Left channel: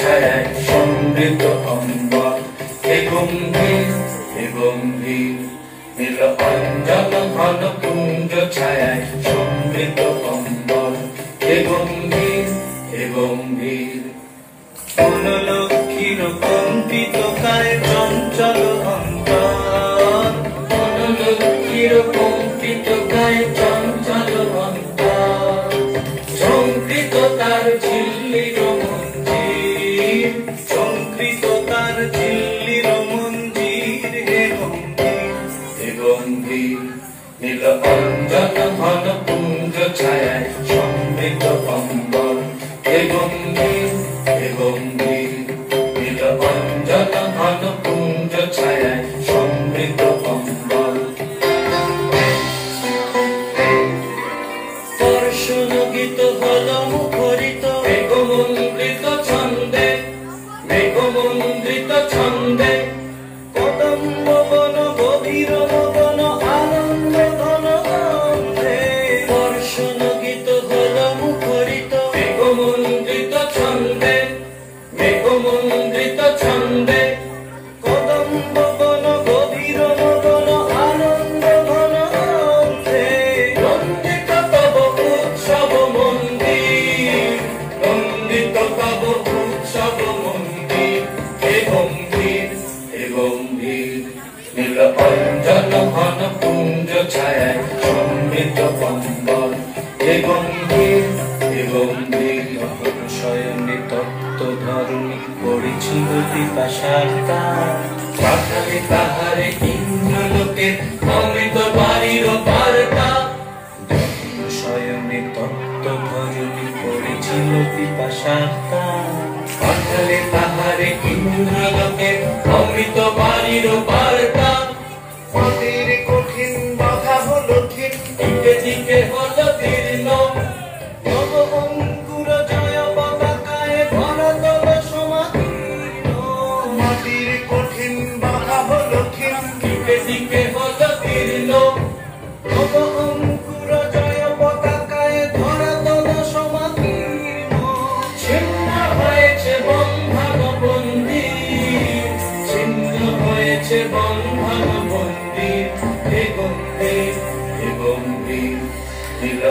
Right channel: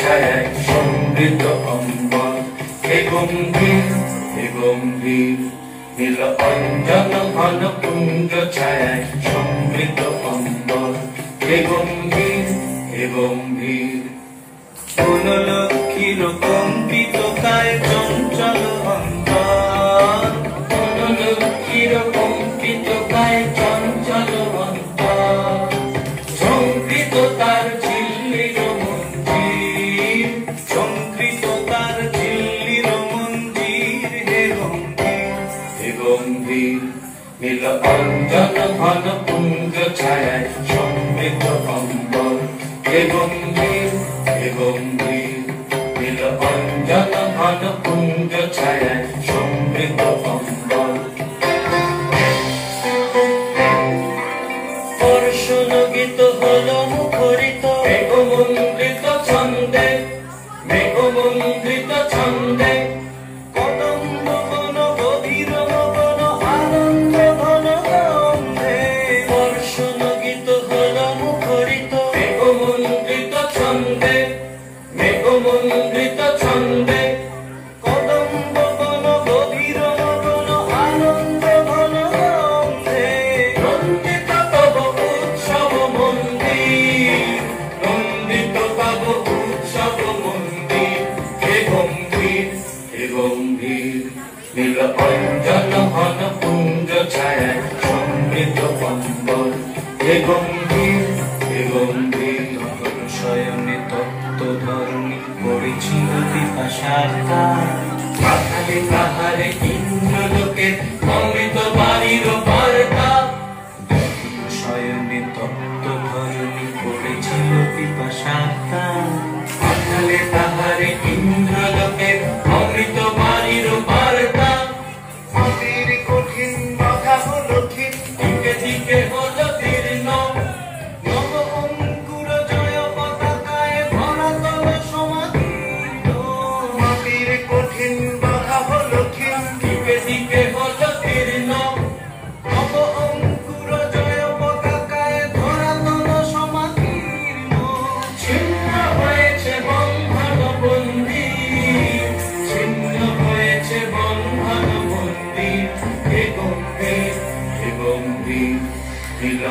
ছায়ায় সমৃদ্ধ অম্বর, হে গম্ভীর হে গম্ভীর, নীল অঞ্জন ঘন পুঞ্জ ছায়ায় সমৃদ্ধ অম্বর, হে গম্ভীর হে গম্ভীর। কোন লক্ষ্মীর কম্পিত কায় চঞ্চল অন্তর, কোন লক্ষ্মীর কম্পিত কায় চঞ্চল অন্তর, সংকৃত তার ঝিল্লির মঞ্জির, সংকৃত তার ঝিল্লির মঞ্জির, হে গম্ভীর হে গম্ভীর, নীল অঞ্জন ঘন পুঞ্জ ছায়ায় সমৃদ্ধ অম্বর, হে গম্ভীর হে গম্ভীর, নীল অঞ্জন ঘন পুঞ্জ ছায়ায় সমৃদ্ধ অম্বর। দর্শন গীত হল মুখরিত মেঘমন্দ্রিত ছন্দে, মেঘমন্দ্রিত ছন্দে, কদম্ব বন গভীর বন আনন্দ ঘন গন্ধে। দর্শন গীত হল মুখরিত মেঘমন্দ্রিত ছন্দে, মেঘমন্দ্রিত ছন্দে, কদম্ব বন গভীর বন আনন্দ ঘন গন্ধে। নন্দিত তব উৎসব মন্দির, নন্দিত তব উৎসব মন্দির, হে গম্ভীর হে গম্ভীর, নীল অঞ্জন ঘন পুঞ্জ ছায়ায় সমৃদ্ধ অম্বর, হে গম্ভীর হে গম্ভীর। শয়নে তপ্ত ধরণী পড়েছিল পিপাসার তার, পাখালি তাহারে ইন্দ্রলোকের অমৃত বাড়ির বার্তা। শয়নে তপ্ত ধরণী পড়েছিল পিপাসার তার, পাখালে তাহারে ইন্দ্রলোকের অমৃত বাড়ির বার্তা। কবির কঠিন বাধা হলো ঠিক, দিকে দিকে হলো দীর্ণ, নব অঙ্কুর জয় পতাকায় ধরাতল সমাদীর্ণ। কবির কঠিন বাধা হলো ঠিক, দিকে দিকে হলো দীর্ণ, নব অঙ্কুর জয় পতাকায় ধরাতল সমাদীর্ণ। ছিন্ন হয়েছে বন্ধন মন্দির, ছিন্ন হয়েছে বন্ধন মন্দির, হে গম্ভীর হে গম্ভীর, নীল